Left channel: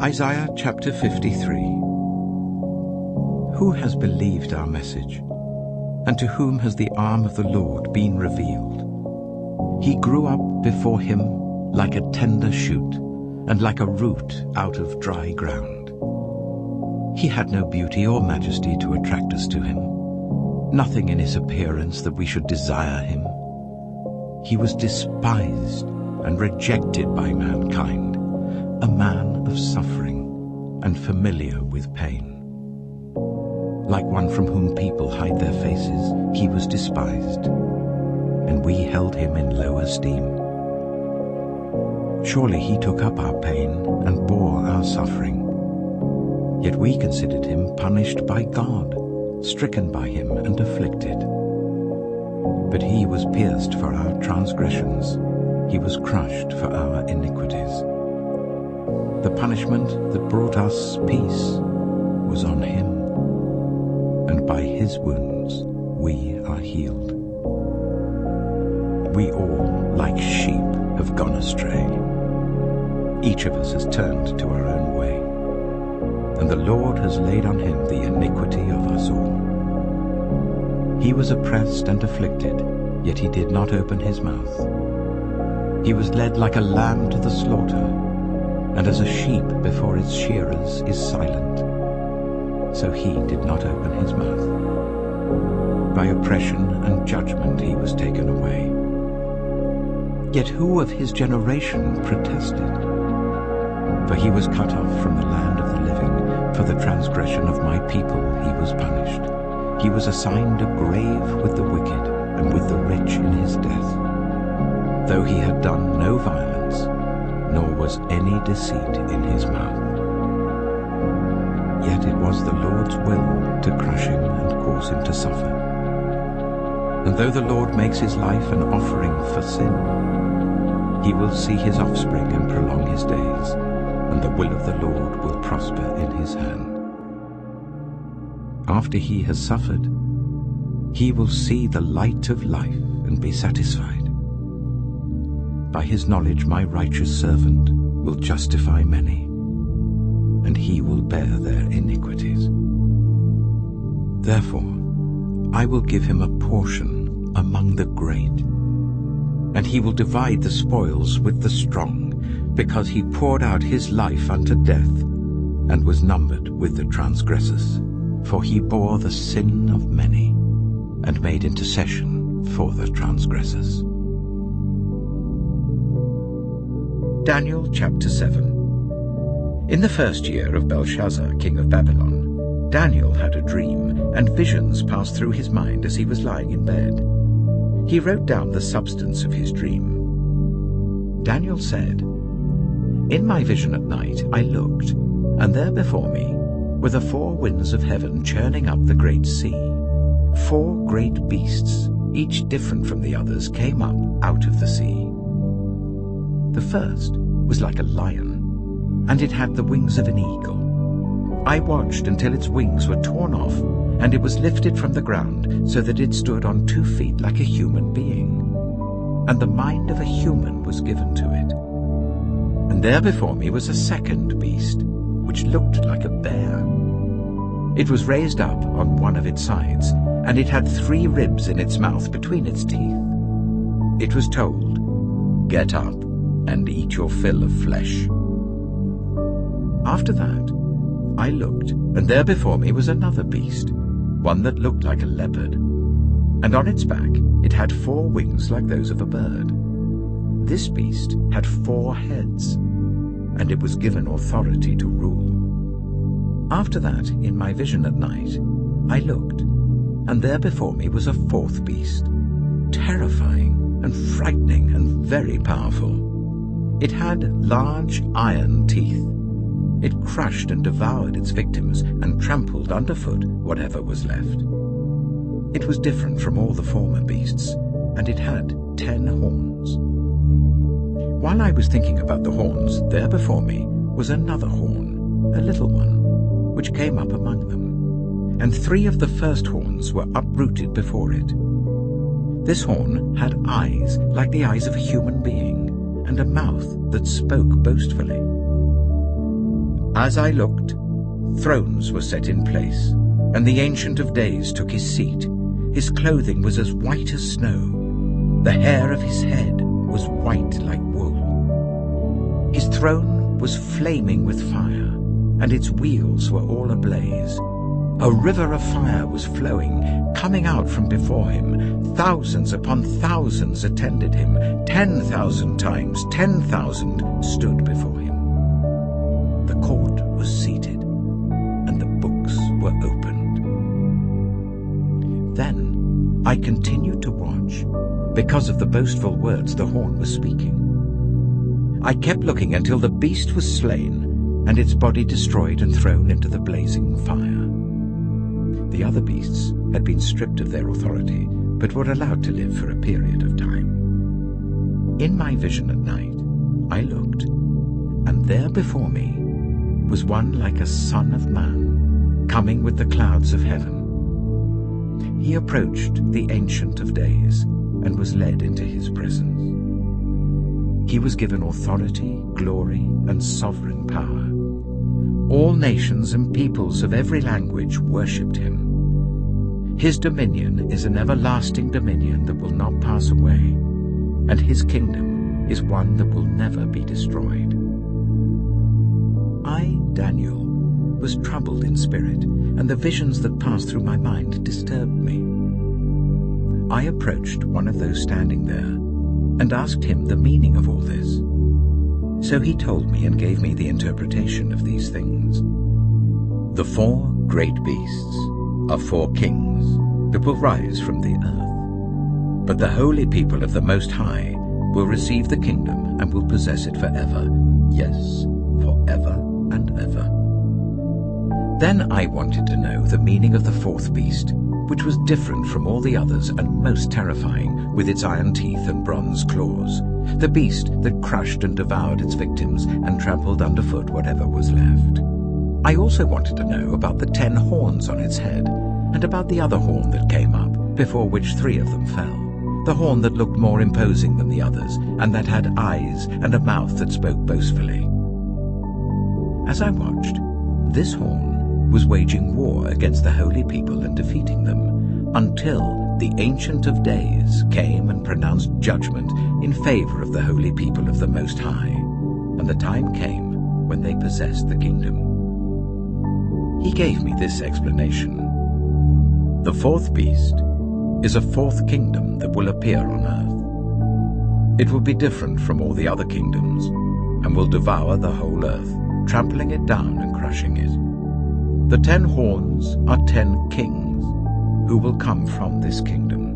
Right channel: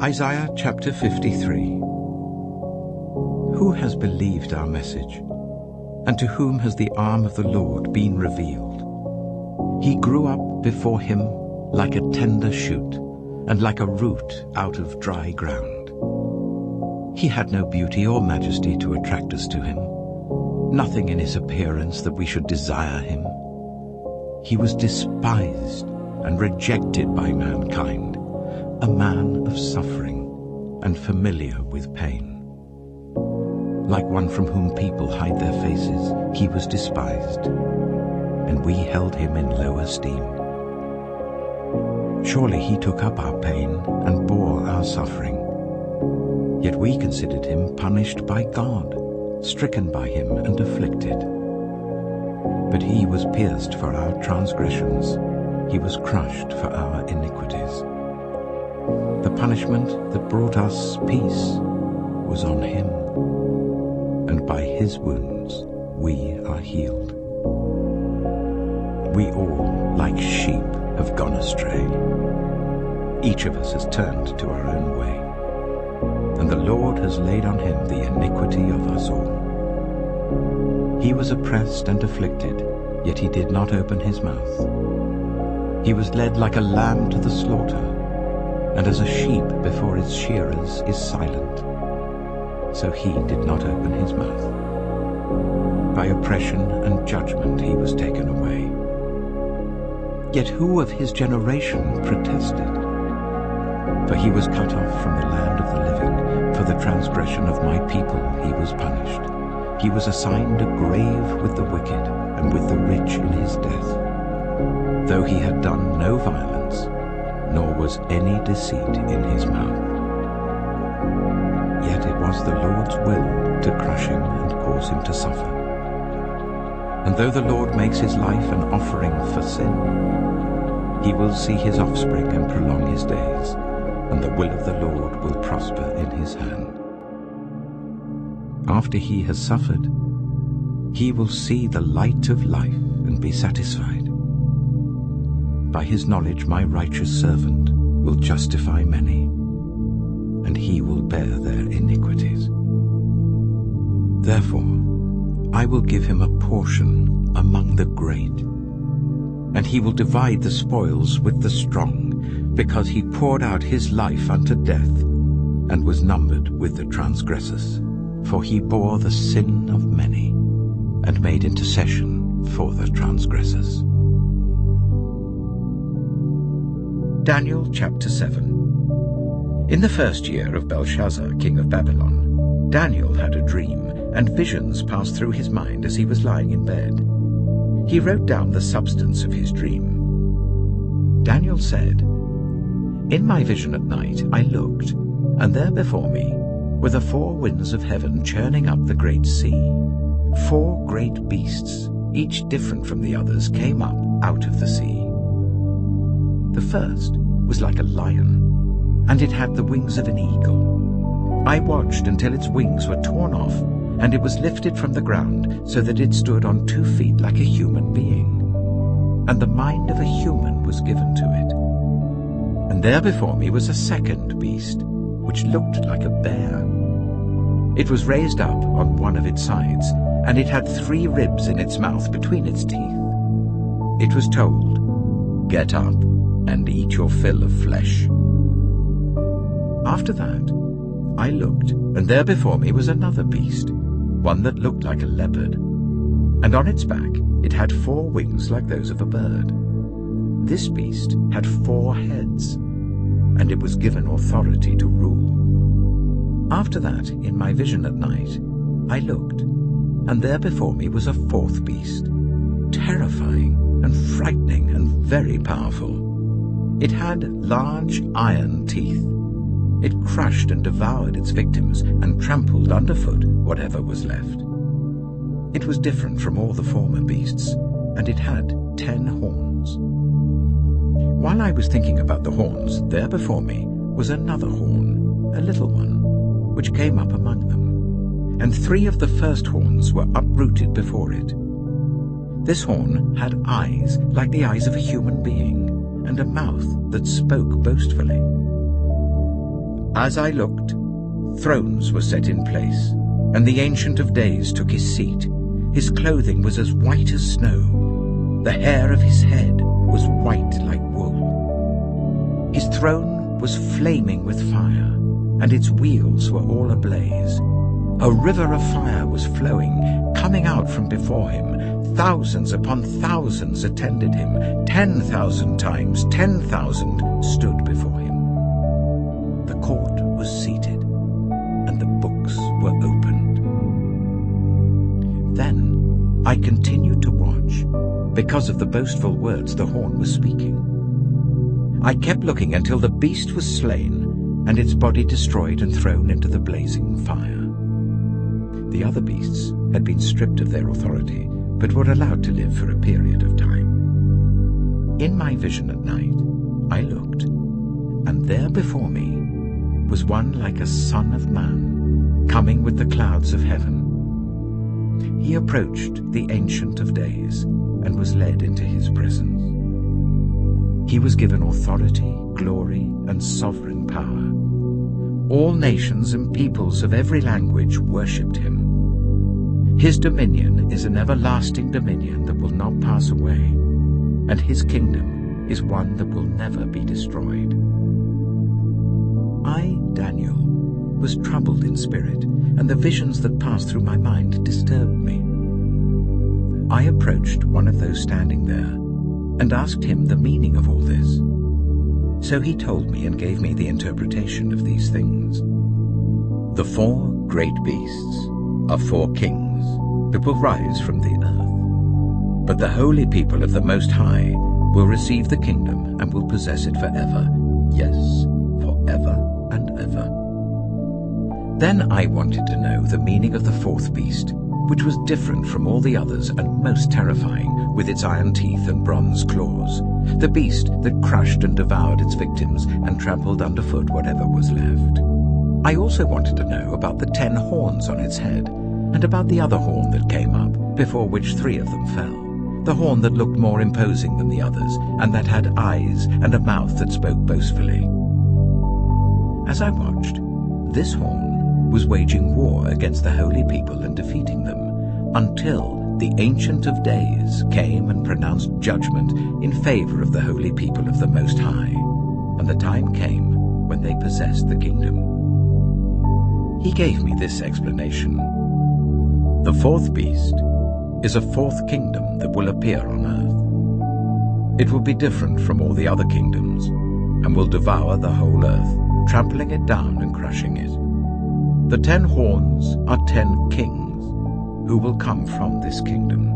Isaiah chapter 53. Who has believed our message? And to whom has the arm of the Lord been revealed? He grew up before him like a tender shoot, and like a root out of dry ground. He had no beauty or majesty to attract us to him, nothing in his appearance that we should desire him. He was despised and rejected by mankind, a man of suffering and familiar with pain. Like one from whom people hide their faces, he was despised, and we held him in low esteem. Surely he took up our pain and bore our suffering. Yet we considered him punished by God, stricken by him and afflicted. But he was pierced for our transgressions, he was crushed for our iniquities. The punishment that brought us peace was on him, and by his wounds we are healed. We all, like sheep, have gone astray. Each of us has turned to our own way, and the Lord has laid on him the iniquity of us all. He was oppressed and afflicted, yet he did not open his mouth. He was led like a lamb to the slaughter, and as a sheep before its shearers is silent, so he did not open his mouth. By oppression and judgment he was taken away. Yet who of his generation protested? For he was cut off from the land of the living. For the transgression of my people he was punished. He was assigned a grave with the wicked and with the rich in his death. Though he had done no violence, nor was any deceit in his mouth. Yet it was the Lord's will to crush him and cause him to suffer. And though the Lord makes his life an offering for sin, he will see his offspring and prolong his days, and the will of the Lord will prosper in his hand. After he has suffered, he will see the light of life and be satisfied. By his knowledge my righteous servant will justify many, and he will bear their iniquities. Therefore I will give him a portion among the great, and he will divide the spoils with the strong, because he poured out his life unto death, and was numbered with the transgressors. For he bore the sin of many, and made intercession for the transgressors. Daniel chapter 7. In the first year of Belshazzar, king of Babylon, Daniel had a dream, and visions passed through his mind as he was lying in bed. He wrote down the substance of his dream. Daniel said, In my vision at night I looked, and there before me were the four winds of heaven churning up the great sea. 4 great beasts, each different from the others, came up out of the sea. The first was like a lion, and it had the wings of an eagle. I watched until its wings were torn off, and it was lifted from the ground so that it stood on 2 feet like a human being. And the mind of a human was given to it. And there before me was a second beast, which looked like a bear. It was raised up on one of its sides, and it had 3 ribs in its mouth between its teeth. It was told, Get up and eat your fill of flesh. After that I looked, and there before me was another beast, one that looked like a leopard, and on its back it had 4 wings like those of a bird. This beast had 4 heads, and it was given authority to rule. After that, in my vision at night, I looked, and there before me was a 4th beast, terrifying and frightening and very powerful. It had large iron teeth. It crushed and devoured its victims and trampled underfoot whatever was left. It was different from all the former beasts, and it had 10 horns. While I was thinking about the horns, there before me was another horn, a little one, which came up among them, and 3 of the first horns were uprooted before it. This horn had eyes like the eyes of a human being, and a mouth that spoke boastfully. As I looked, thrones were set in place, and the Ancient of Days took his seat. His clothing was as white as snow. The hair of his head was white like wool. His throne was flaming with fire, and its wheels were all ablaze. A river of fire was flowing, coming out from before him. Thousands upon thousands attended him. 10,000 times 10,000 stood before him. The court was seated, and the books were opened. Then I continued to watch, because of the boastful words the horn was speaking. I kept looking until the beast was slain, and its body destroyed and thrown into the blazing fire. The other beasts had been stripped of their authority, but were allowed to live for a period of time. In my vision at night, I looked, and there before me was one like a son of man, coming with the clouds of heaven. He approached the Ancient of Days and was led into his presence. He was given authority, glory, and sovereign power. All nations and peoples of every language worshipped him. His dominion is an everlasting dominion that will not pass away, and his kingdom is one that will never be destroyed. I, Daniel, was troubled in spirit, and the visions that passed through my mind disturbed me. I approached one of those standing there and asked him the meaning of all this. So he told me and gave me the interpretation of these things. The 4 great beasts are 4 kings that will rise from the earth. But the holy people of the Most High will receive the kingdom and will possess it forever. Yes, forever and ever. Then I wanted to know the meaning of the 4th beast, which was different from all the others and most terrifying, with its iron teeth and bronze claws, the beast that crushed and devoured its victims and trampled underfoot whatever was left. I also wanted to know about the 10 horns on its head, and about the other horn that came up, before which 3 of them fell, the horn that looked more imposing than the others, and that had eyes and a mouth that spoke boastfully. As I watched, this horn was waging war against the holy people and defeating them, until the Ancient of Days came and pronounced judgment in favor of the holy people of the Most High, and the time came when they possessed the kingdom. He gave me this explanation. The 4th beast is a 4th kingdom that will appear on earth. It will be different from all the other kingdoms, and will devour the whole earth, trampling it down and crushing it. The 10 horns are 10 kings, who will come from this kingdom.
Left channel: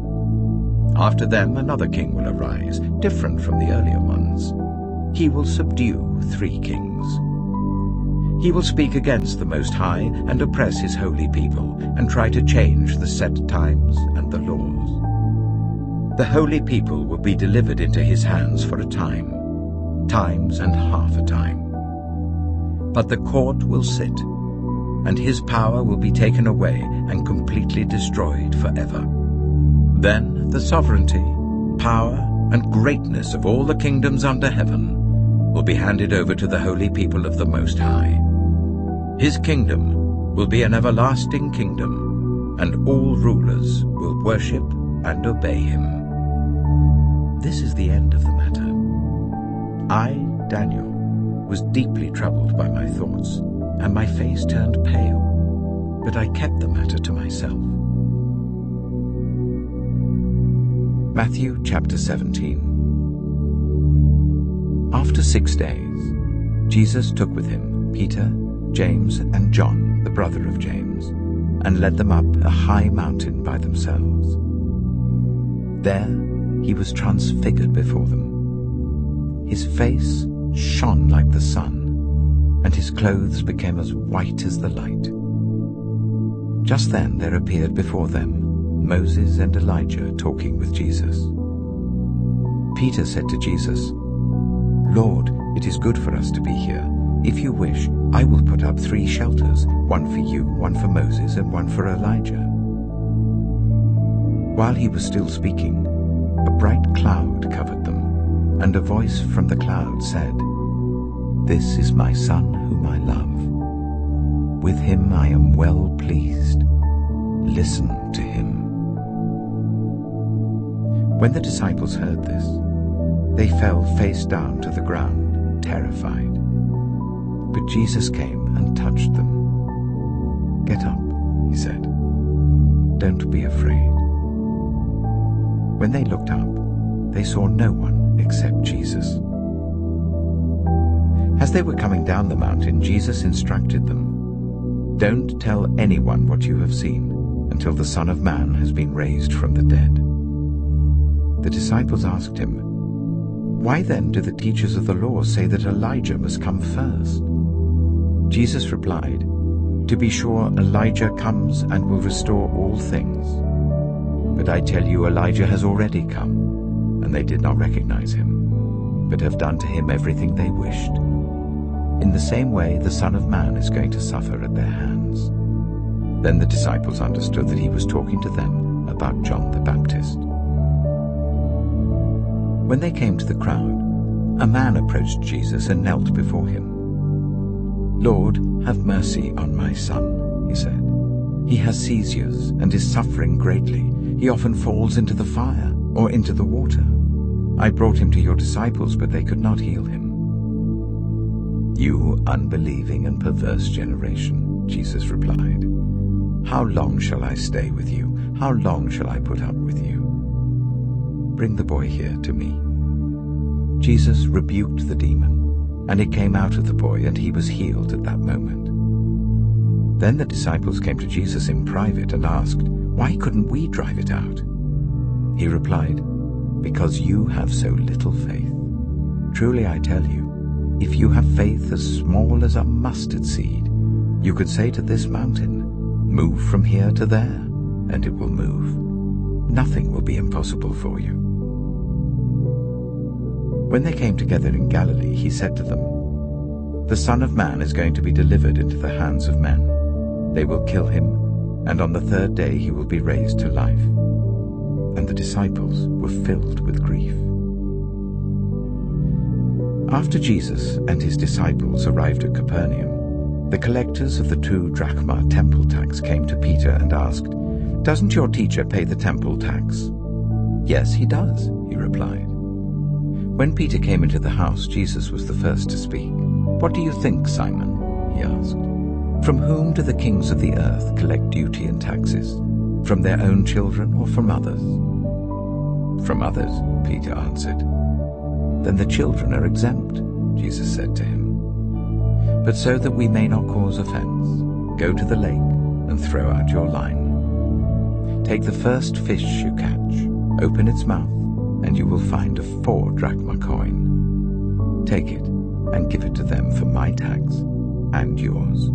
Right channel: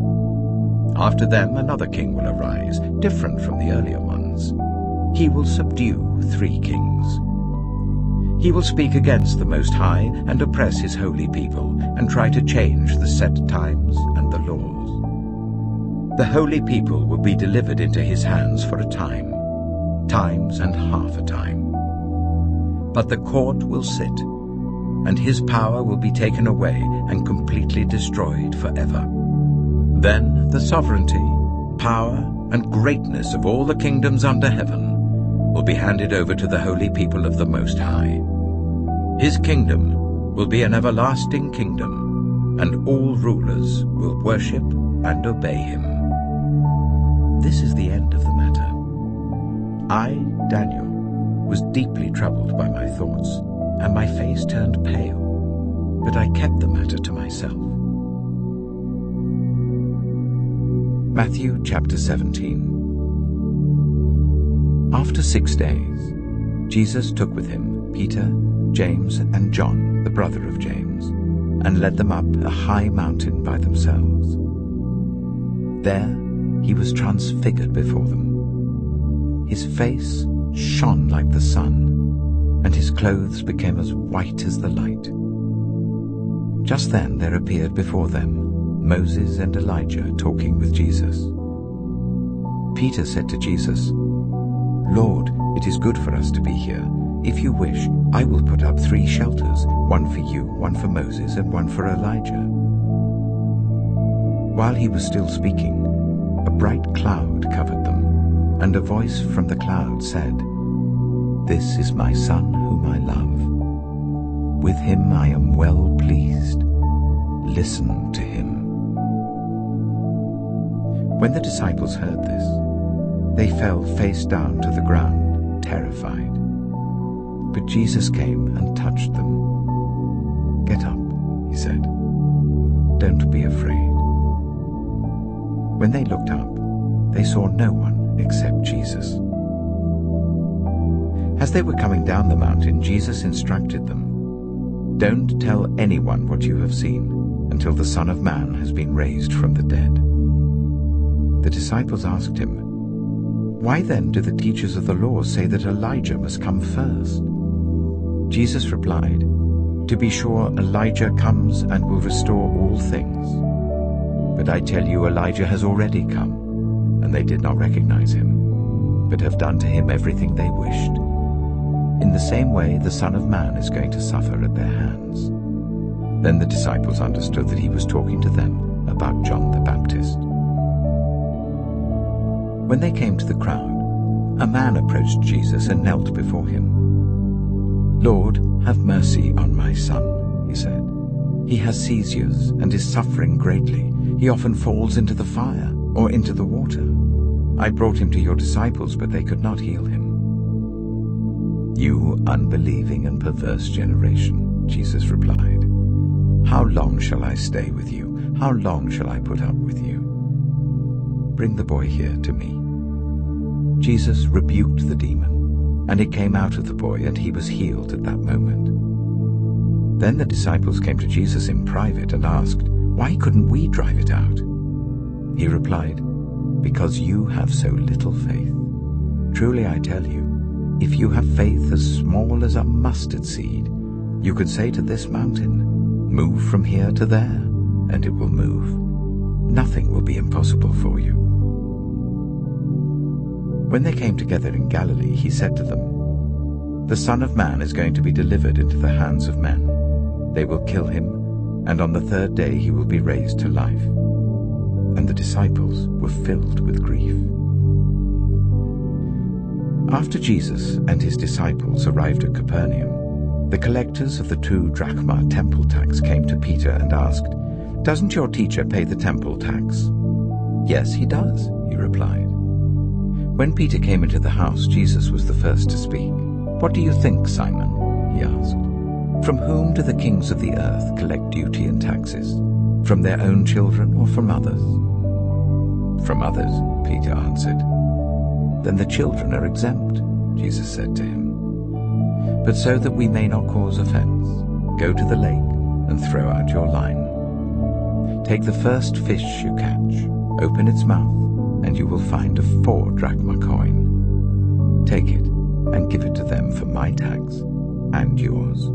After them another king will arise, different from the earlier ones. He will subdue 3 kings. He will speak against the Most High and oppress his holy people, and try to change the set times and the laws. The holy people will be delivered into his hands for a time, times and half a time. But the court will sit, and his power will be taken away and completely destroyed forever. Then the sovereignty, power, and greatness of all the kingdoms under heaven will be handed over to the holy people of the Most High. His kingdom will be an everlasting kingdom, and all rulers will worship and obey him. This is the end of the matter. I, Daniel, was deeply troubled by my thoughts, and my face turned pale, but I kept the matter to myself. Matthew chapter 17. After 6 days, Jesus took with him Peter, James, and John, the brother of James, and led them up a high mountain by themselves. There he was transfigured before them. His face shone like the sun, and his clothes became as white as the light. Just then there appeared before them Moses and Elijah talking with Jesus. Peter said to Jesus, "Lord, it is good for us to be here. If you wish, I will put up 3 shelters, one for you, one for Moses, and one for Elijah." While he was still speaking, a bright cloud covered them, and a voice from the cloud said, "This is my Son whom I love. With him I am well pleased. Listen to him." When the disciples heard this, they fell face down to the ground, terrified. But Jesus came and touched them. "Get up," he said. "Don't be afraid." When they looked up, they saw no one except Jesus. As they were coming down the mountain, Jesus instructed them, "Don't tell anyone what you have seen until the Son of Man has been raised from the dead." The disciples asked him, "Why then do the teachers of the law say that Elijah must come first?" Jesus replied, "To be sure, Elijah comes and will restore all things. But I tell you, Elijah has already come, and they did not recognize him, but have done to him everything they wished. In the same way, the Son of Man is going to suffer at their hands." Then the disciples understood that he was talking to them about John the Baptist. When they came to the crowd, a man approached Jesus and knelt before him. "Lord, have mercy on my son," he said. "He has seizures and is suffering greatly. He often falls into the fire or into the water. I brought him to your disciples, but they could not heal him." "You unbelieving and perverse generation," Jesus replied, "how long shall I stay with you? How long shall I put up with you? Bring the boy here to me." Jesus rebuked the demon, and it came out of the boy, and he was healed at that moment. Then the disciples came to Jesus in private and asked, "Why couldn't we drive it out?" He replied, "Because you have so little faith. Truly I tell you, if you have faith as small as a mustard seed, you could say to this mountain, 'Move from here to there,' and it will move. Nothing will be impossible for you." When they came together in Galilee, he said to them, "The Son of Man is going to be delivered into the hands of men. They will kill him, and on the third day he will be raised to life." And the disciples were filled with grief. After Jesus and his disciples arrived at Capernaum, the collectors of the 2 drachma temple tax came to Peter and asked, "Doesn't your teacher pay the temple tax?" "Yes, he does," he replied. When Peter came into the house, Jesus was the first to speak. "What do you think, Simon?" he asked. "From whom do the kings of the earth collect duty and taxes? From their own children or from others?" "From others," Peter answered. "Then the children are exempt," Jesus said to him. "But so that we may not cause offense, go to the lake and throw out your line. Take the first fish you catch, open its mouth, and you will find a 4 drachma coin. Take it and give it to them for my tax and yours."